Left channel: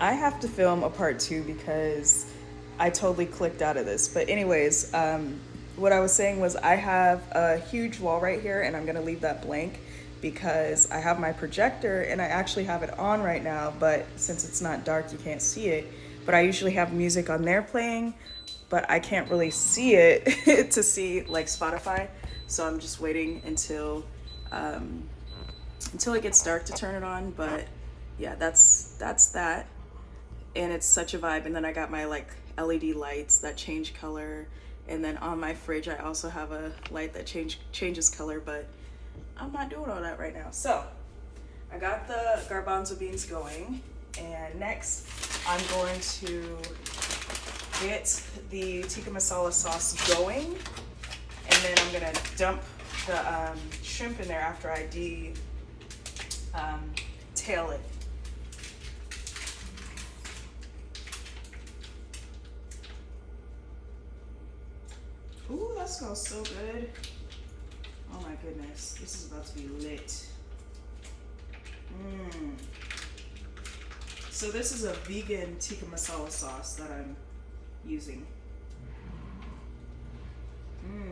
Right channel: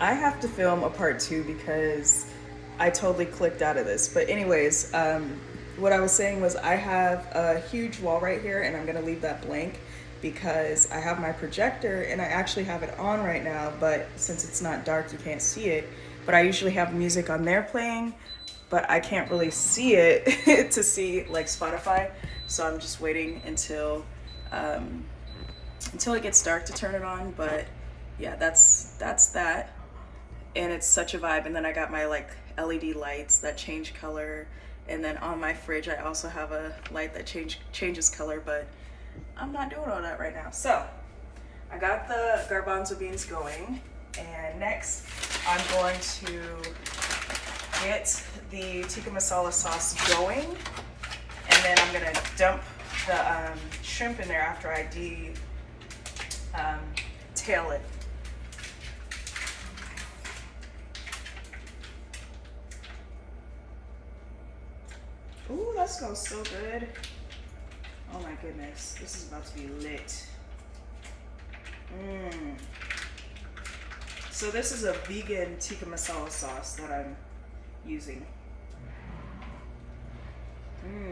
I have to film a part two because I totally clicked out of this. But anyways, what I was saying was I have a huge wall right here, and I'm gonna leave that blank because I have my projector and I actually have it on right now. But since it's not dark, you can't see it. But I usually have music on there playing, but I can't really see it to see like Spotify. So I'm just waiting um, until it gets dark to turn it on. But yeah, that's that, and it's such a vibe. And then I got my like LED lights that change color, and then on my fridge I also have a light that changes color, but I'm not doing all that right now. So I got the garbanzo beans going, and next I'm going to get the tikka masala sauce going, and then I'm gonna dump the shrimp in there after I tail it. Ooh, that smells so good. Oh my goodness, this is about to be lit. So this is a vegan tikka masala sauce that I'm using.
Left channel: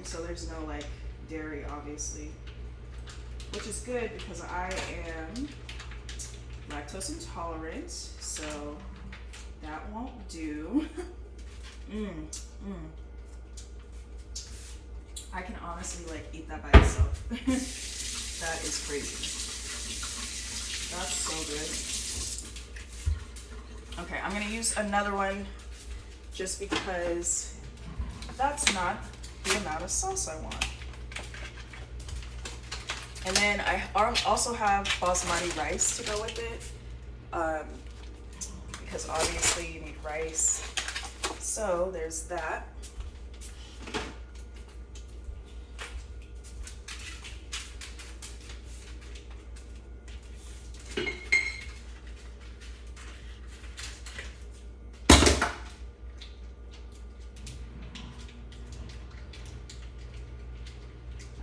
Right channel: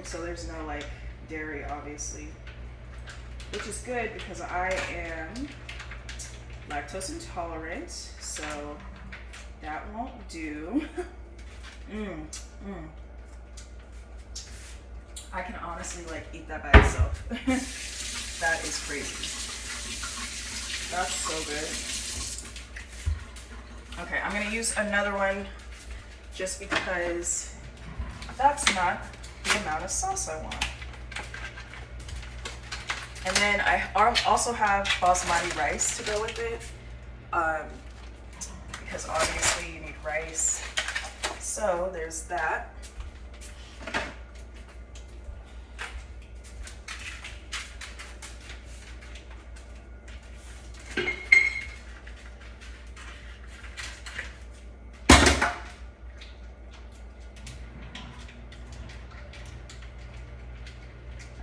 So there's no like dairy, obviously, which is good because I am lactose intolerant, so that won't do. I can honestly like eat that by itself. That is crazy. That's so good. Okay, I'm gonna use another one just because that's not the amount of sauce I want. And then I also have basmati rice to go with it, because obviously you need rice. So there's that.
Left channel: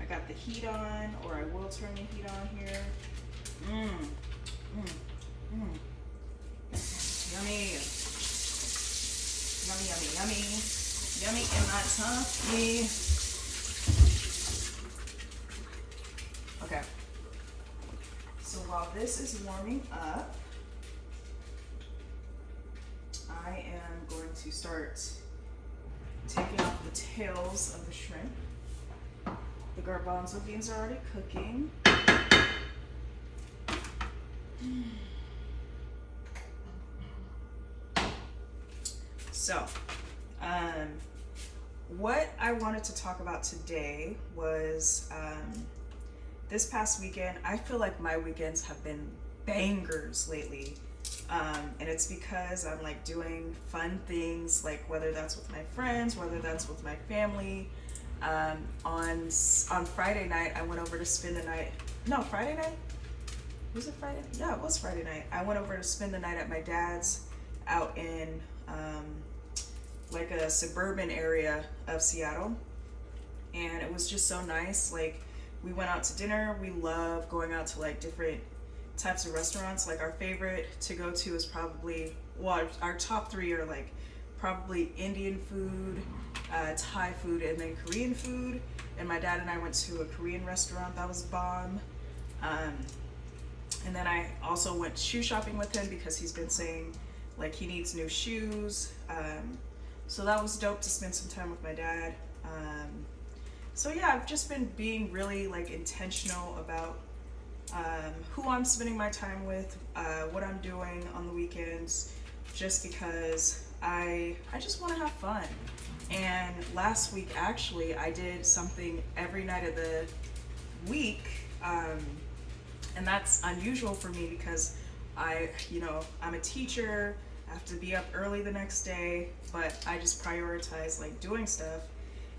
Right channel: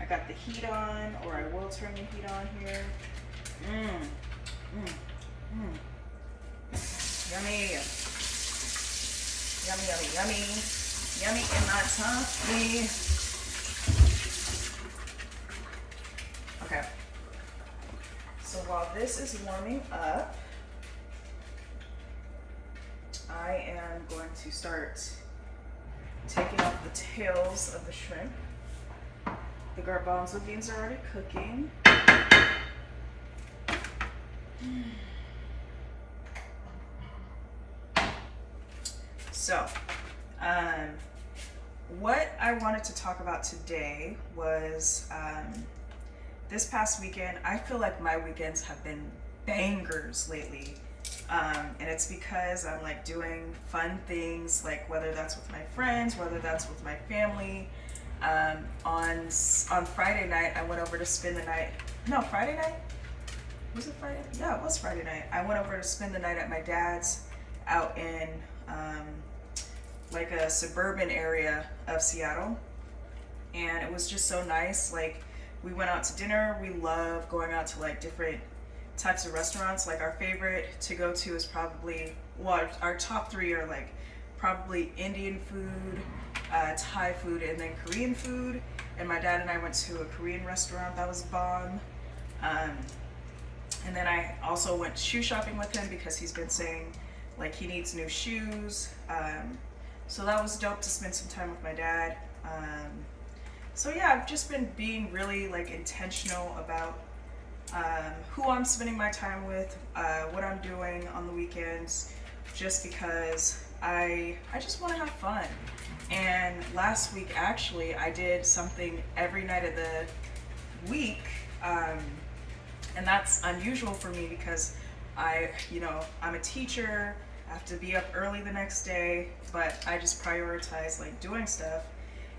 Got the heat on, or I will turn the heat on here. Yummy. Yummy, yummy, yummy. Yummy in my tummy. Okay. So while this is warming up, I am going to start taking off the tails of the shrimp. The garbanzo beans are already cooking. So, what I wanted to talk about today was this past weekend. I feel like my weekends have been bangers lately. And it's because I'm like doing fun things, like whether that's with my friends, whether that's with my family. On Friday night, I went over to spend the night. No, Friday night? Was it Friday? Yeah, it was Friday night. I went over to spend the night at my dad's out in like a suburban area of Seattle. And it was just so nice. Like, we went out to dinner. We love going out to like different types of restaurants. Like, our favorite to go to is probably, well, our top three are like probably Indian food, Thai food, and then Korean food. And my dad and I went to a Korean restaurant that was bomb. And then I also went shoe shopping with him because he's been saying like he needs new shoes. So that was dope to spend some time with my dad. So yeah, I've just been being really like intentional about who I'm spending my time with, what I'm doing on the weekends, just because I just want to have fun. And last week, actually, I did something every night of the week, and that's unusual for me because I'm a teacher. I have to be up early the next day, but I just prioritize like doing stuff.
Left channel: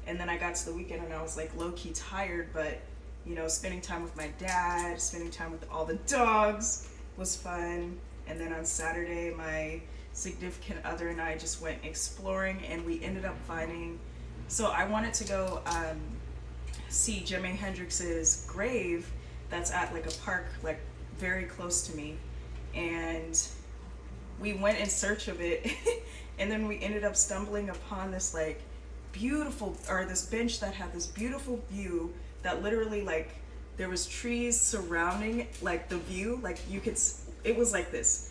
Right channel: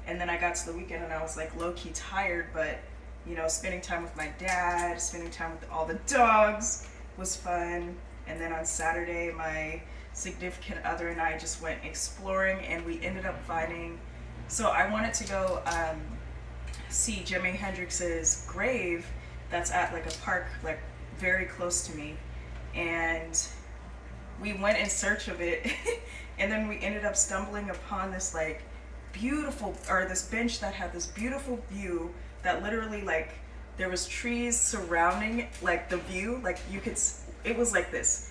And then I got to the weekend and I was like low-key tired, but spending time with my dad, spending time with all the dogs was fun. And then on Saturday, my significant other and I just went exploring, and we ended up finding, so I wanted to go see Jimi Hendrix's grave that's at like a park like very close to me. And we went in search of it and then we ended up stumbling upon this like beautiful, or this bench that had this beautiful view that literally like there was trees surrounding like the view, like you could, it was like this,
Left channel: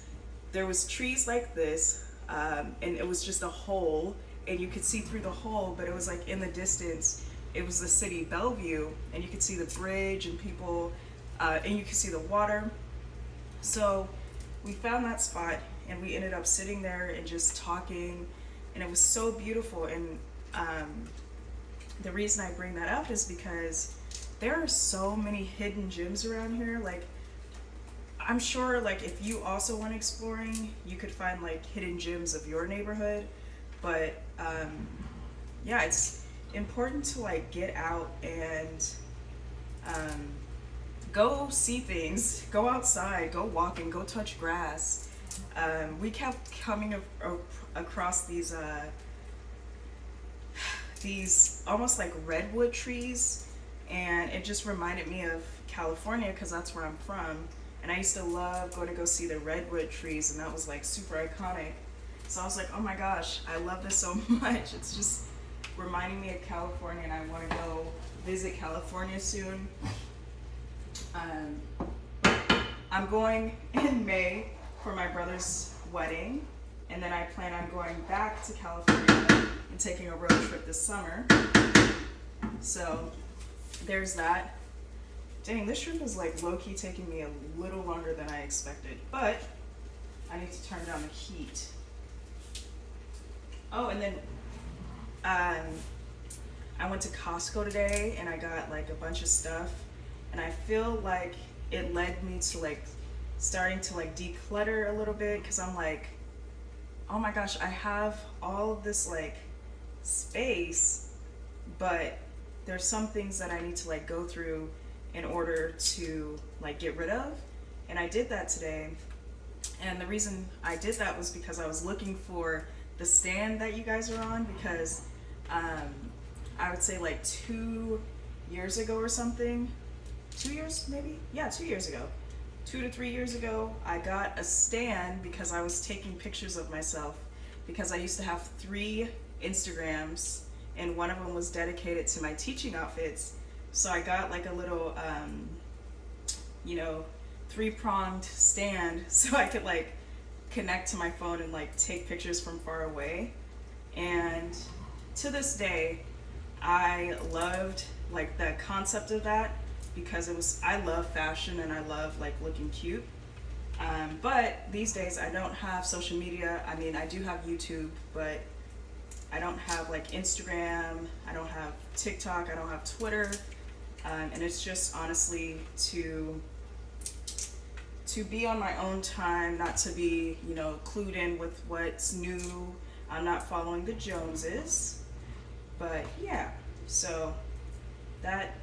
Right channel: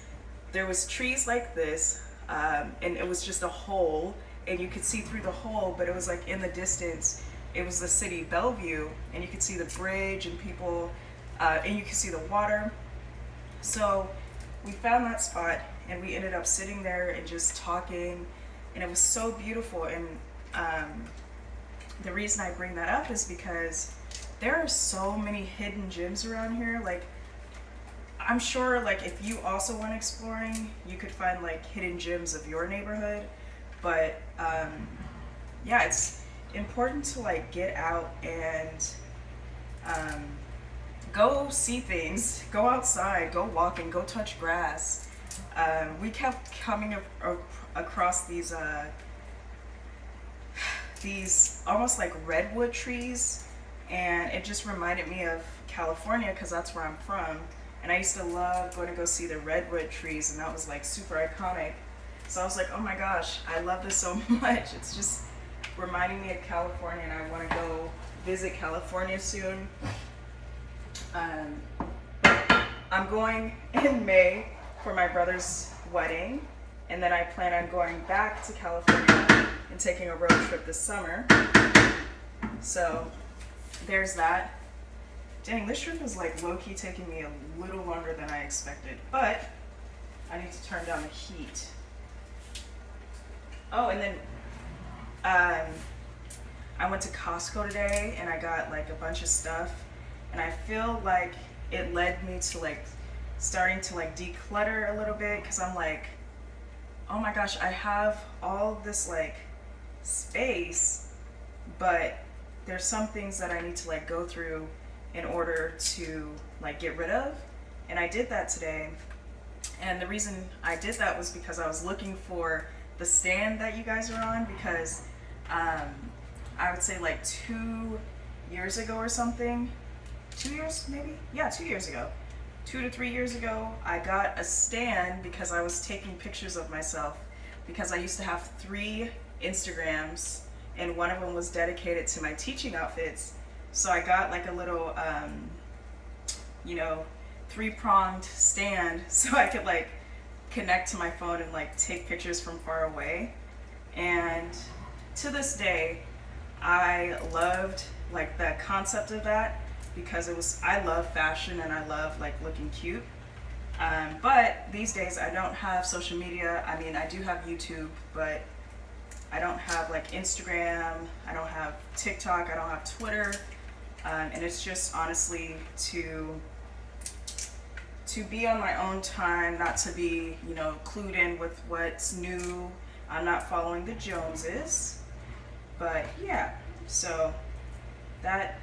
there was trees like this, and it was just a hole and you could see through the hole, but it was like in the distance it was the city Bellevue and you could see the bridge and people, and you could see the water. So we found that spot and we ended up sitting there and just talking, and it was so beautiful. And the reason I bring that up is because there are so many hidden gems around here. Like, I'm sure like if you also went exploring, you could find like hidden gems of your neighborhood. But yeah, it's important to like get out and go see things, go outside, go walking, go touch grass. We kept coming across these almost like redwood trees, and it just reminded me of California because that's where I'm from, and I used to love going to go see the redwood trees, and that was like super iconic. So I was like, oh my gosh, I love this so much. It's just reminding me of California, and I want to go visit California soon. I'm going in May for my brother's wedding, and then I plan on going back to California and taking a road trip this summer. So there's that. Dang, this trip is like low-key taking me a little longer than I expected, but I need to turn down the heat. Oh, and then I went to Costco today and I got like a bunch of stuff, and I feel like it led me to like starting to like declutter a little bit, because I'm like, oh my gosh, I have all this like space, but there's some things that I need to like go through in order to like get rid of. And I did that today, and the reason I did that was because I was looking for the stand that you guys are on, because I would say like 2 years ago or something, 2 years maybe? Yeah, 2 years ago. 2 to 3 years ago, I got a stand because I was taking pictures of myself, because I used to have 3 Instagrams and one of them was dedicated to my teaching outfits. So I got like a little, you know, 3-pronged stand so I could like connect to my phone and like take pictures from far away. And to this day, I loved like the concept of that, because it was, I love fashion and I love like looking cute. But these days I don't have social media. I mean, I do have YouTube, but I don't have like Instagram, I don't have TikTok, I don't have Twitter. And it's just honestly to be on my own time, not to be, you know, clued in with what's new. I'm not following the Joneses. But yeah, so that,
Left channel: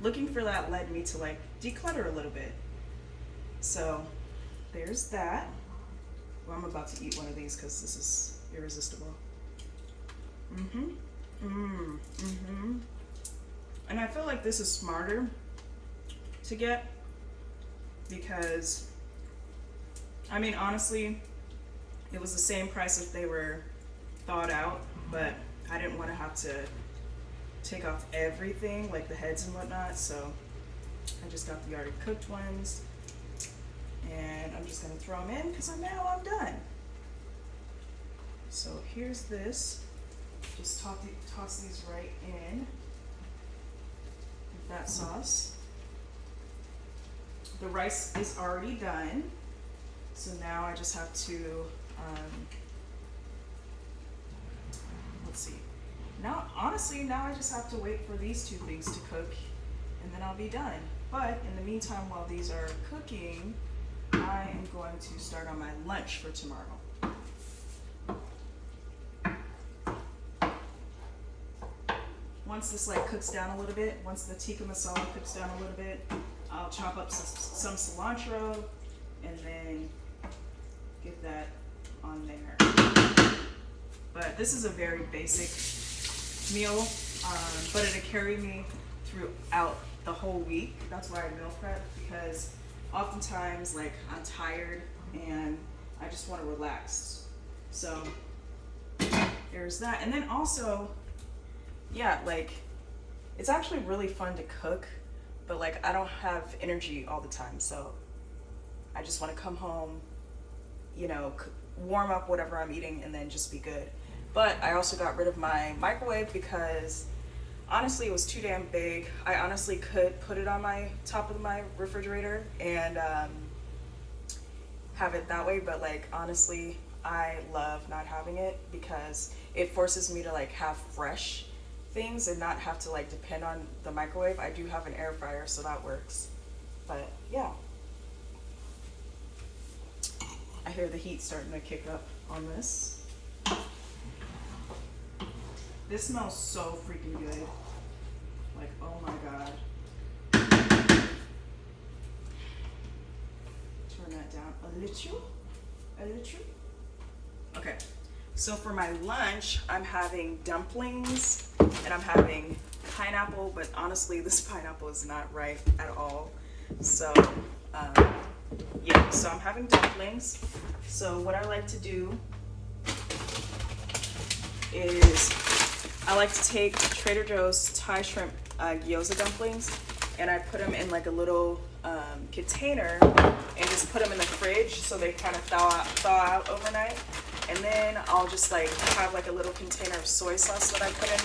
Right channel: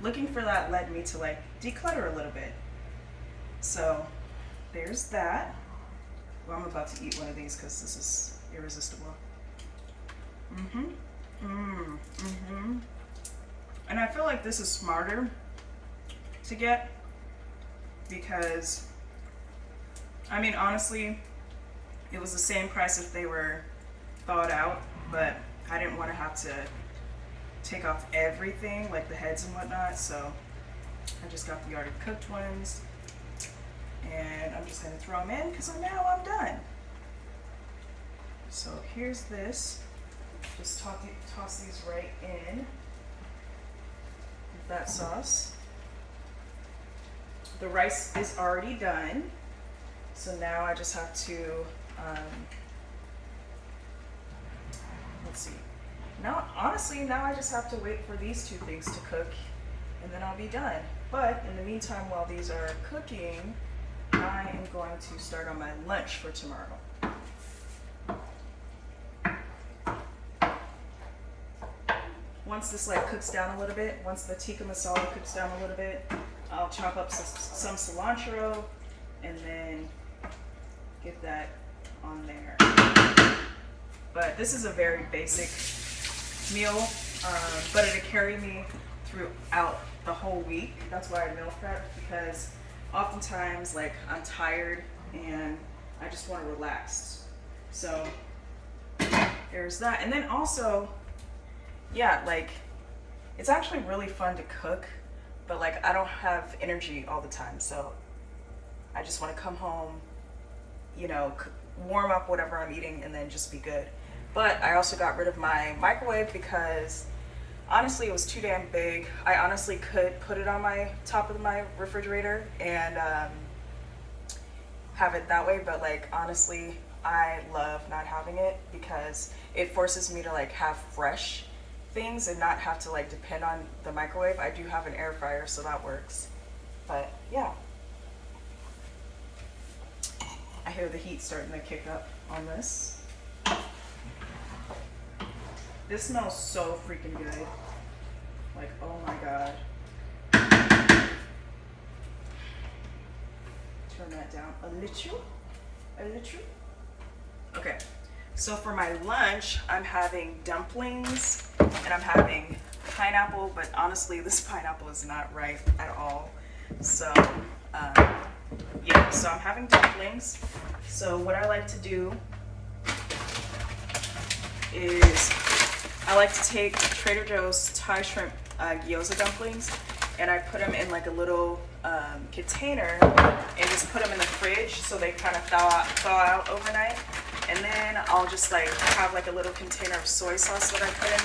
looking for that led me to like declutter a little bit. So there's that. Well, I'm about to eat one of these because this is irresistible. And I feel like this is smarter to get, because I mean, honestly, it was the same price if they were thawed out, but I didn't want to have to take off everything, like the heads and whatnot, so I just got the already cooked ones, and I'm just going to throw them in because now I'm done. So here's this. Just toss these right in with that sauce. The rice is already done, so now I just have to, let's see. Now, honestly, now I just have to wait for these 2 things to cook, and then I'll be done. But in the meantime, while these are cooking, I am going to start on my lunch for tomorrow. Once this like cooks down a little bit, once the tikka masala cooks down a little bit, I'll chop up some cilantro and then get that on there. But this is a very basic meal, but it'll carry me throughout the whole week. That's why I meal prep, because oftentimes like I'm tired and I just just want to relax. So there's that. And then also, yeah, like it's actually really fun to cook, but like I don't have energy all the time. So I just want to come home, you know, warm up whatever I'm eating and then just be good. But I also got rid of my microwave because honestly it was too damn big. I honestly could put it on my top of my refrigerator and have it that way, but like honestly I love not having it because it forces me to like have fresh things and not have to like depend on the microwave. I do have an air fryer, so that works. But yeah, I hear the heat starting to kick up on this. This smells so freaking good. Like, oh my God. Turn that down a little. Okay, so for my lunch, I'm having dumplings and I'm having pineapple, but honestly, this pineapple is not ripe at all. So, yeah, so I'm having dumplings. So what I like to do is I like to take Trader Joe's Thai shrimp gyoza dumplings and I put them in like a little container and just put them in the fridge so they kind of thaw out overnight. And then I'll just like have like a little container of soy sauce that I put in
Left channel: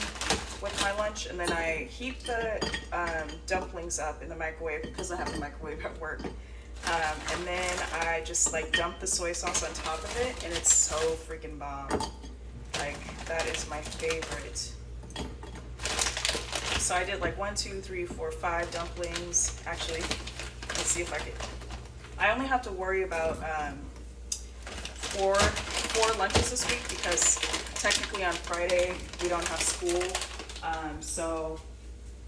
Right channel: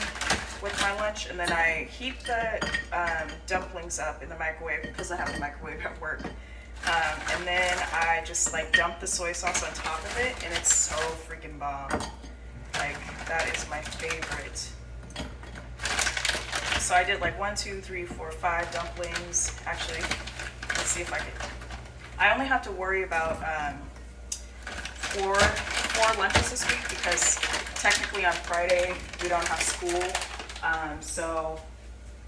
with my lunch, and then I heat the dumplings up in the microwave because I have a microwave at work. And then I just like dump the soy sauce on top of it, and it's so freaking bomb. Like, that is my favorite. So I did like 1, 2, 3, 4, 5 dumplings. Actually, let's see if I can. I only have to worry about four lunches this week because technically on Friday we don't have school. So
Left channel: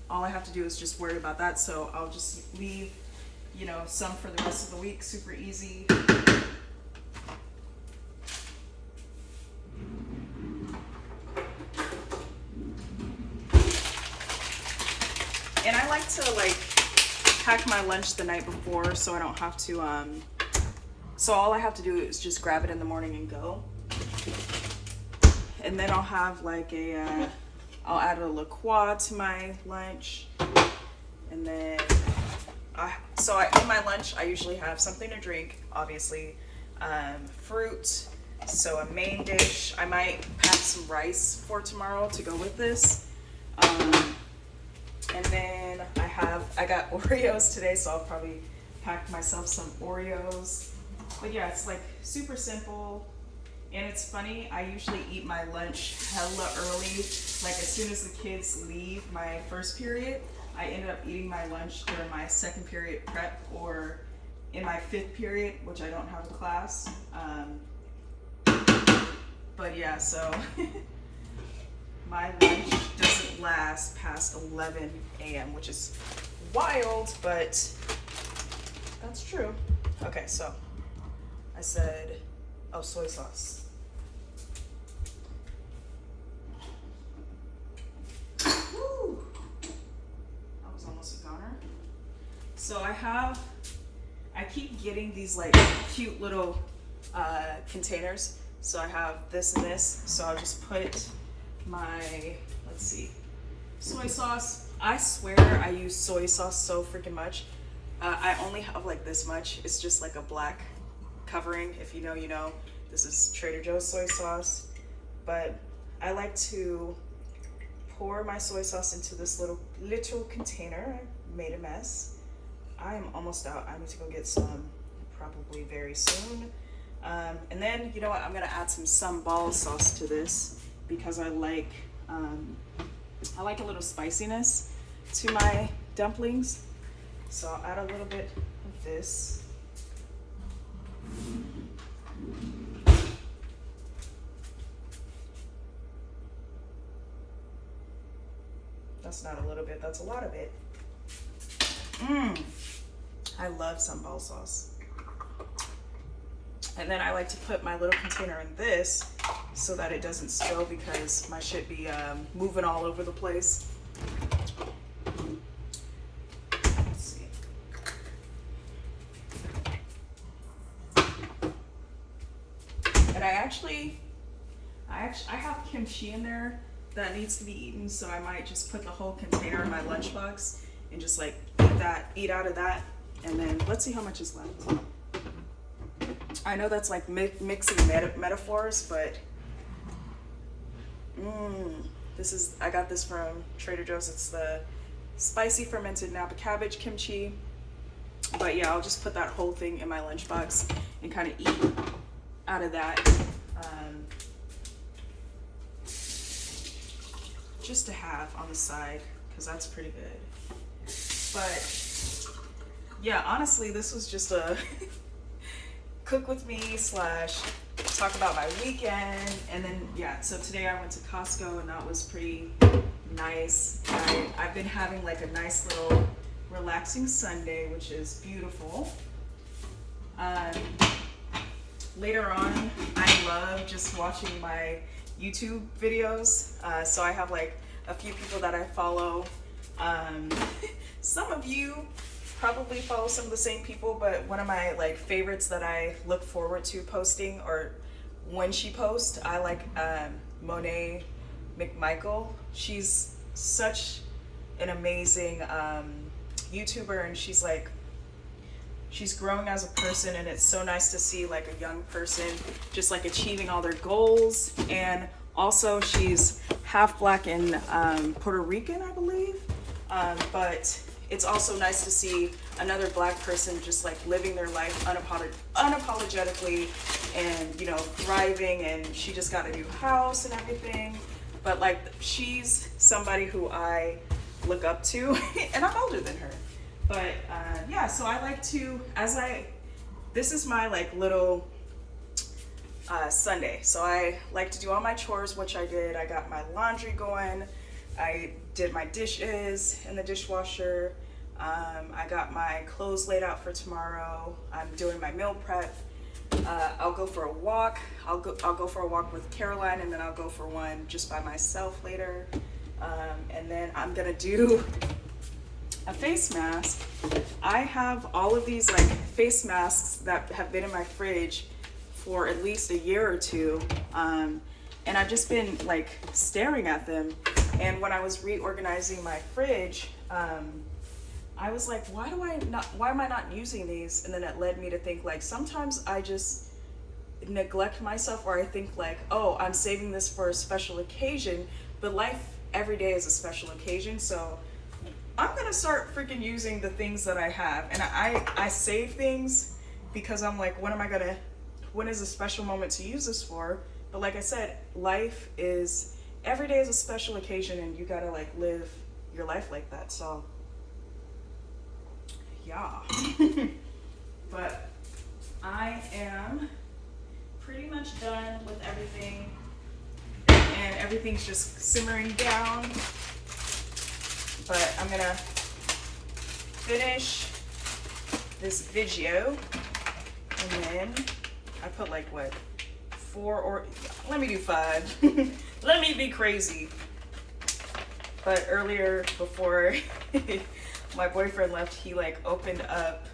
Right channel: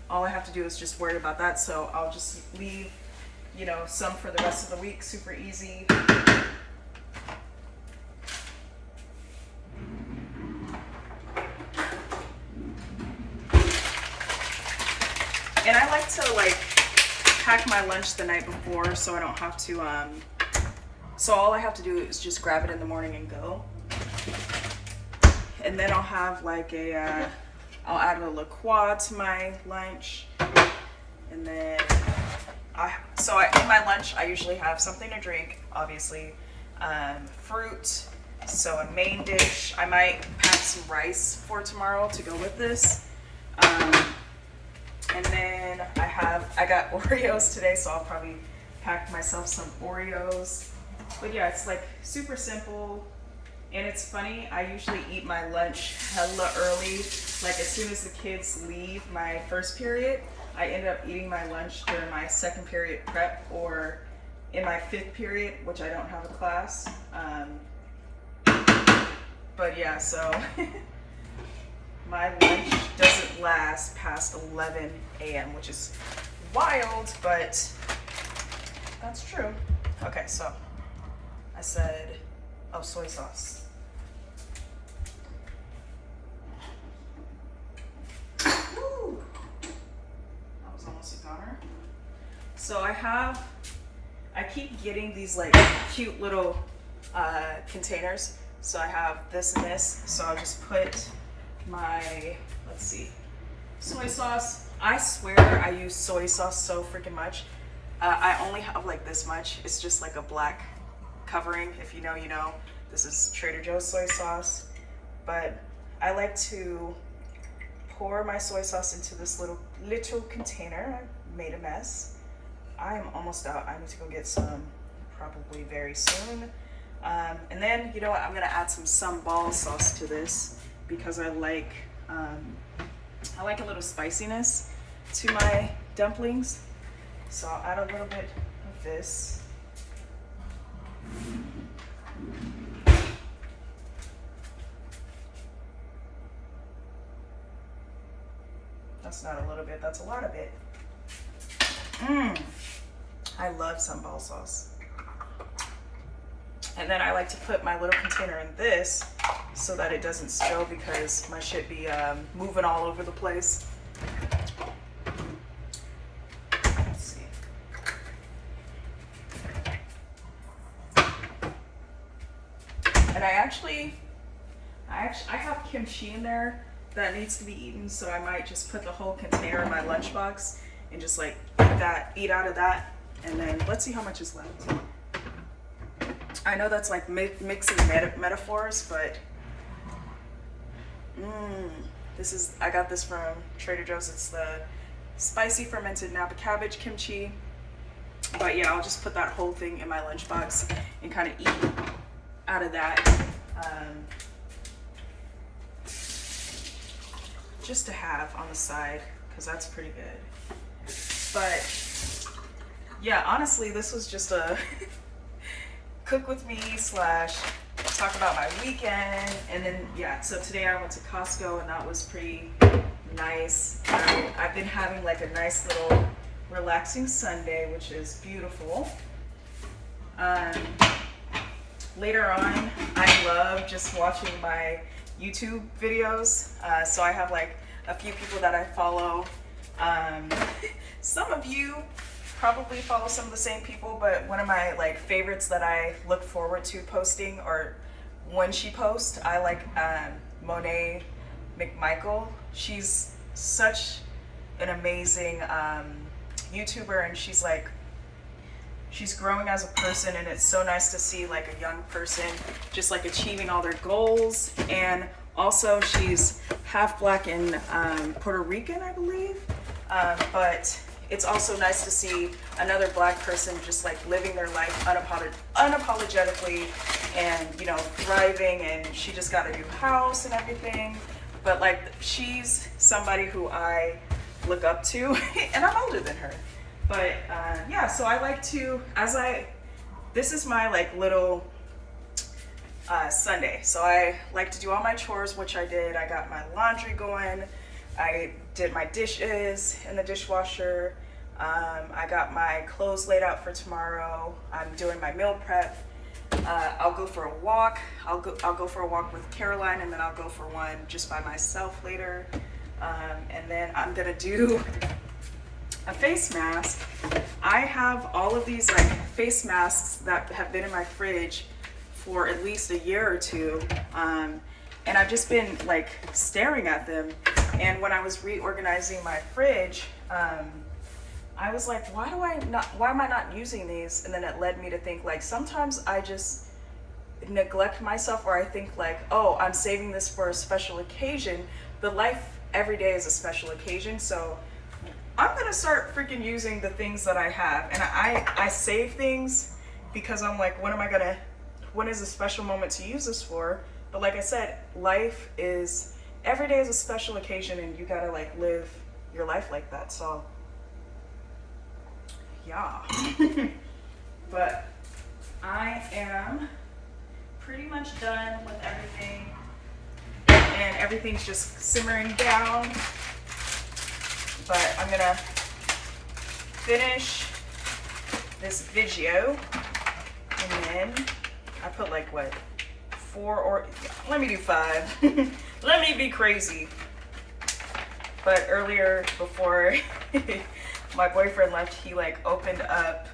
all I have to do is just worry about that. So I'll just leave, you know, some for the rest of the week. Super easy. And I like to like pack my lunch the night before so I don't have to, so all I have to do is just grab it in the morning and go. And then I'll have like a, I'll add a La Croix to my lunch. And then, in my lunch, I usually have something to drink, obviously, fruit, so a main dish. I might pack some rice for tomorrow to go with this. And then I got Oreos today, so I'll probably pack myself some Oreos. But yeah, it's like super simple. And it's funny, I usually eat my lunch hella early. Like as soon as the kids leave my first period, I end up eating my lunch during my second period prep or in my 5th period, which I don't have a class. But yeah, so my lunch doesn't last past 11 a.m., which is wild, but that's true. Okay, so I said, oh, soy sauce. Woo! That was almost a goner. So I keep getting these like cute little containers. So I have this and this. So I'll just put my, let's see, soy sauce. I swear I use soy sauce so freaking much. I only have like this much. It's just like a black covering. If you know, you know. This is Trader Joe's soy sauce. But I like to pour my soy sauce into this little container. I made a mess. I am almost out. I need to go get some probably very soon. And then, you know what? I'm gonna add some sambal sauce to this because I like a little spiciness to my dumplings. So I'll add a little bit of this. That's not a little bit, that's a lot of it. I love sambal sauce. And then I like to put my little container in this so that it doesn't spill because my shit be moving all over the place. Let's see. I have kimchi in there that needs to be eaten, so I might just put the whole container in my lunchbox and just like eat out of that, and then let's see how much is left. I know that's like mixing metaphors, but I got this from Trader Joe's. It's the spicy fermented Napa cabbage kimchi. But yeah, I'll just put that whole thing in my lunchbox and kind of eat out of that. Just to have on the side, because that's pretty good. But yeah, honestly, this was just a cook with me / talk about my weekend. And then yeah, so today I went to Costco and that was pretty nice. I've been having like a nice little relaxing Sunday, which is beautiful. Later on, I love just watching my YouTube videos. So I have like a few people that I follow. Some of you probably follow some of the same people, but one of my like favorites that I look forward to posting, or when she posts, I like Monet McMichael. She's such an amazing YouTuber, and she's growing as a person, and it's so nice to see like a young person just like achieving all their goals. And also she's half black and Puerto Rican, I believe, but it's also nice to see another black person just like living their life unapologetically and, you know, thriving. And she just got a new house and everything, but like she's somebody who I look up to and I'm older than her. But yeah, so I like to, this is my like little Sunday. So I like to do all my chores, which I did. I got my laundry going. I did my dishes in the dishwasher. I got my clothes laid out for tomorrow. I'm doing my meal prep. I'll go for a walk. I'll go for a walk with Caroline, and then I'll go for one just by myself later. And then I'm gonna do a face mask. I have all of these like face masks that have been in my fridge for at least a year or two, and I've just been like staring at them. And when I was reorganizing my fridge, I was like, why am I not using these? And then it led me to think like sometimes I just neglect myself, or I think like, oh, I'm saving this for a special occasion, but life every day is a special occasion. So I'm gonna start freaking using the things that I have. And I save things because I'm like, when is a special moment to use this for? But like I said, every day is a special occasion, and you gotta like live your life like that. So yeah. But I am pretty much done with everything, and everything's just simmering down. But I'm gonna finish this video, and then I put like what, 4 or let me do 5. Let me be crazy. But earlier, before my boyfriend left, he like opened up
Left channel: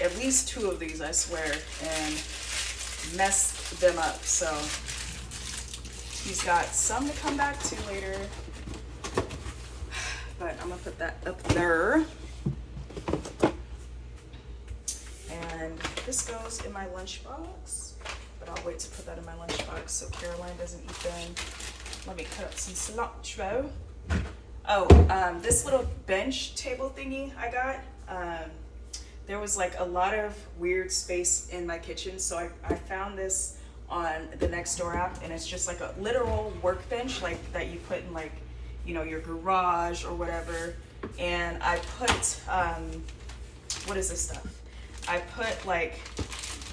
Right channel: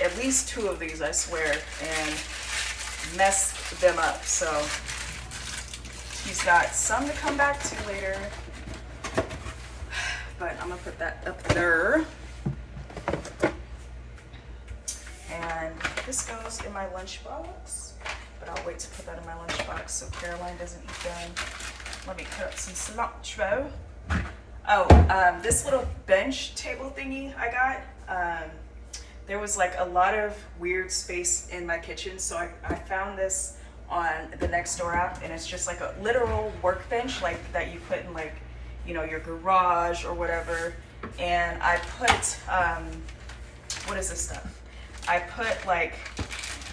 at least 2 of these, I swear, and messed them up. So he's got some to come back to later. But I'm gonna put that up there. And this goes in my lunchbox, but I'll wait to put that in my lunchbox so Caroline doesn't eat them. Let me cut up some cilantro. Oh, this little bench table thingy I got, there was like a lot of weird space in my kitchen, so I found this on the Nextdoor app, and it's just like a literal workbench like that you put in like, you know, your garage or whatever. And I put, what is this stuff? I put like,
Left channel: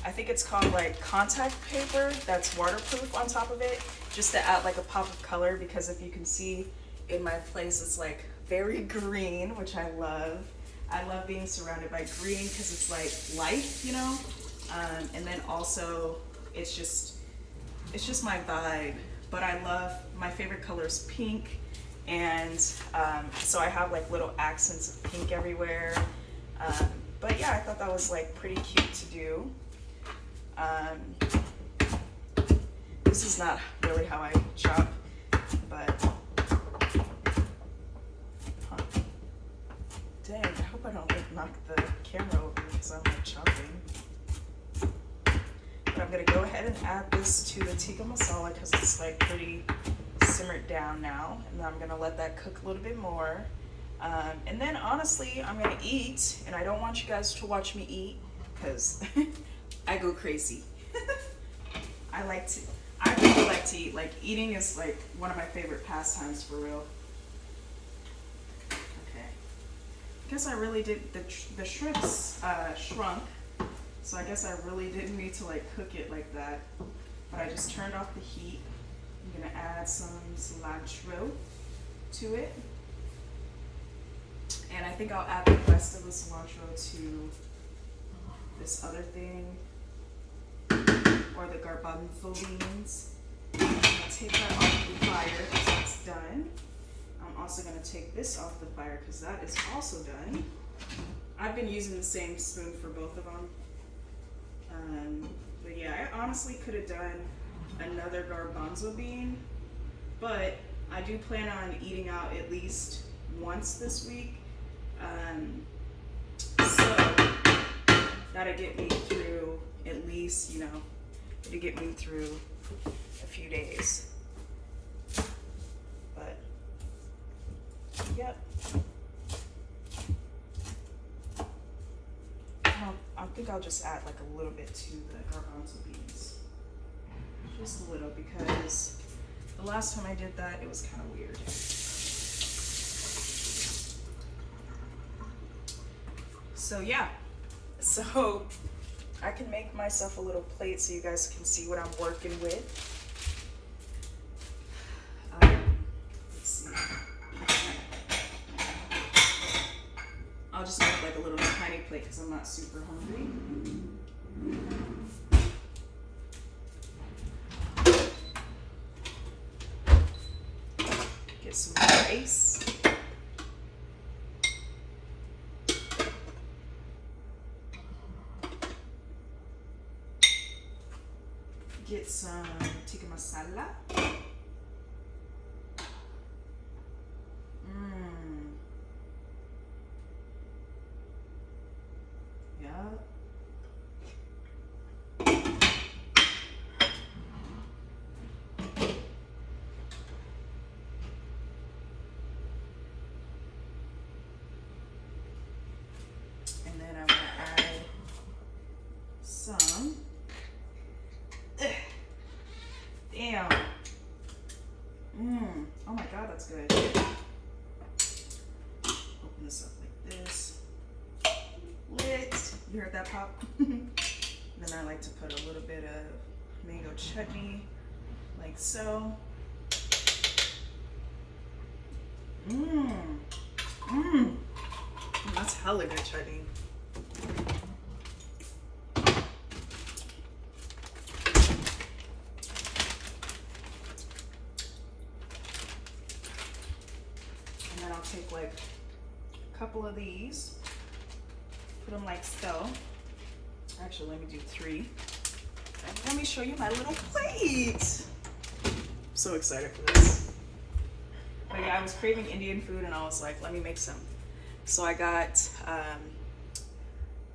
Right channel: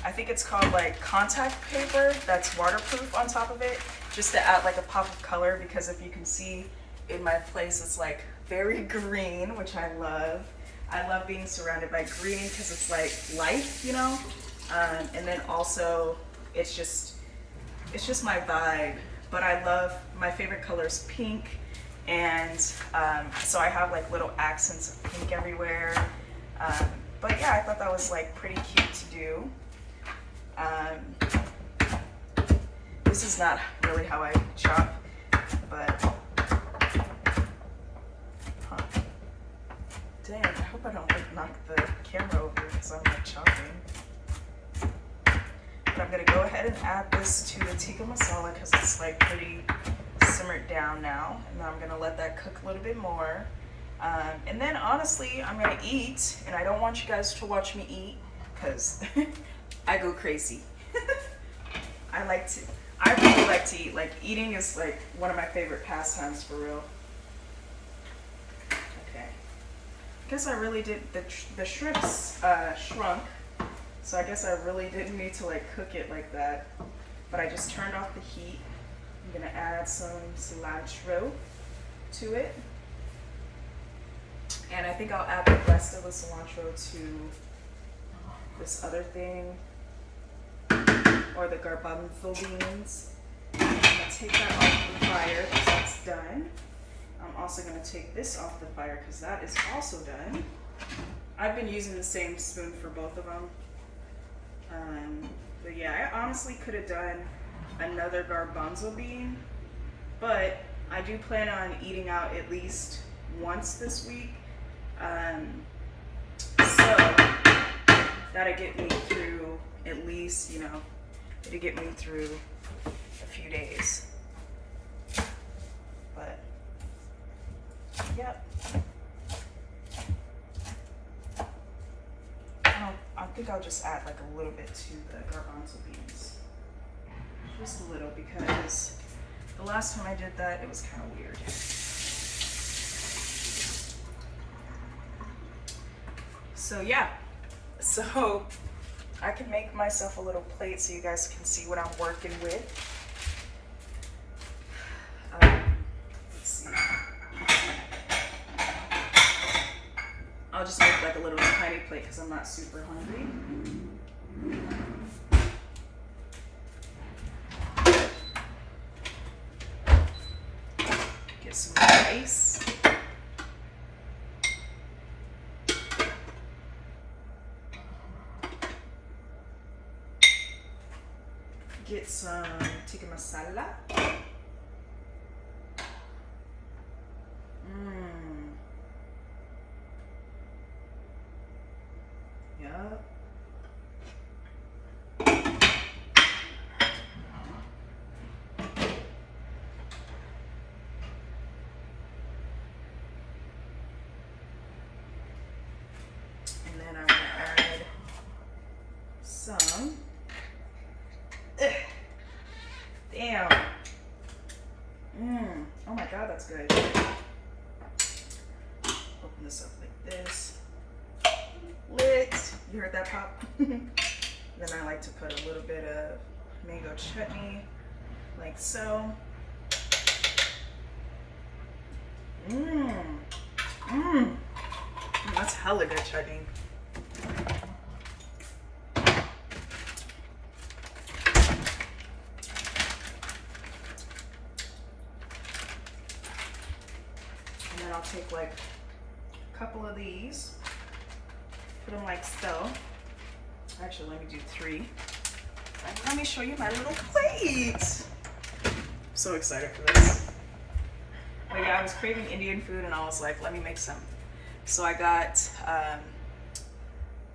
I think it's called like contact paper that's waterproof on top of it, just to add like a pop of color, because if you can see in my place, it's like very green, which I love. I love being surrounded by green because it's like life, you know? And then also it's just my vibe. But I love, my favorite color is pink. And so I have like little accents of pink everywhere. But yeah, I thought that was like pretty cute to do. This is not really how I chop, but dang, I hope I don't like knock the camera over because I'm like chopping. But I'm gonna go ahead and add this to the tikka masala because it's like pretty simmered down now, and then I'm gonna let that cook a little bit more. And then honestly, I'm gonna eat, and I don't want you guys to watch me eat because I go crazy. I really like to eat. Like, eating is like one of my favorite pastimes, for real. Okay. I guess I really did, the shrimps shrunk, so I guess I really didn't need to like cook it like that. But I just turned off the heat. I'm gonna add some cilantro to it. And I think I'll add the rest of the cilantro to this other thing, or the garbanzo beans. I'm gonna take that off the fire because that's done. I'm also gonna take this off the fire because that is also done. I've been using the same spoon for both of them. But yeah, I honestly could have done another garbanzo bean, but I do plan on eating out at least once this week. So that'll get me through at least, you know, it'll get me through a few days. But yep. I think I'll just add like a little bit to the garbanzo beans. Just a little, because the last time I did that, it was kind of weird. So yeah, so I can make myself a little plate so you guys can see what I'm working with. Let's see. I'll just make like a little tiny plate because I'm not super hungry. Get some rice. Get some tikka masala. Yup. And then I'm gonna add some. Damn. Oh my god, that's good. Open this up like this. Lit. You heard that pop? Then I like to put a little bit of mango chutney, like so. That's hella good chutney. I'll take like a couple of these, put them like so. Actually, let me do 3. And let me show you my little plate. I'm so excited for this. But yeah, I was craving Indian food and I was like, let me make some. So I got,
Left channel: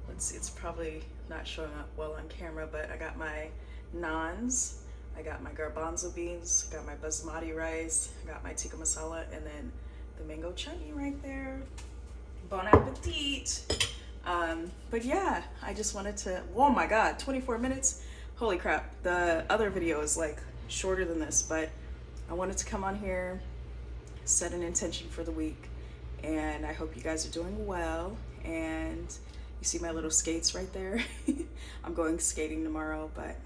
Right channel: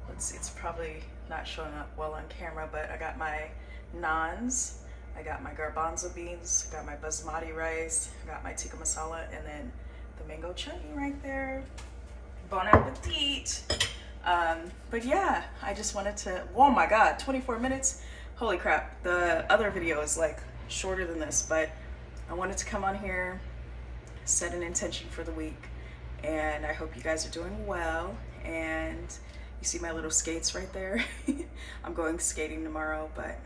let's see, it's probably not showing up well on camera, but I got my naans, I got my garbanzo beans, got my basmati rice, got my tikka masala, and then the mango chutney right there. Bon appetit. But yeah, I just wanted to, oh my god, 24 minutes. Holy crap. The other video is like shorter than this, but I wanted to come on here, set an intention for the week, and I hope you guys are doing well. And you see my little skates right there. I'm going skating tomorrow, but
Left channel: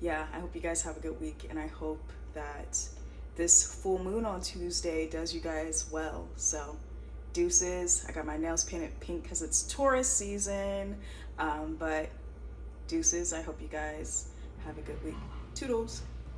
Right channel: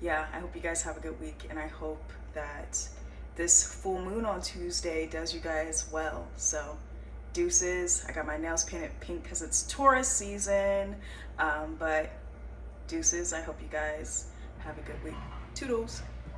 yeah, I hope you guys have a good week, and I hope that this full moon on Tuesday does you guys well. So deuces. I got my nails painted pink because it's Taurus season, but deuces. I hope you guys have a good week. Toodles.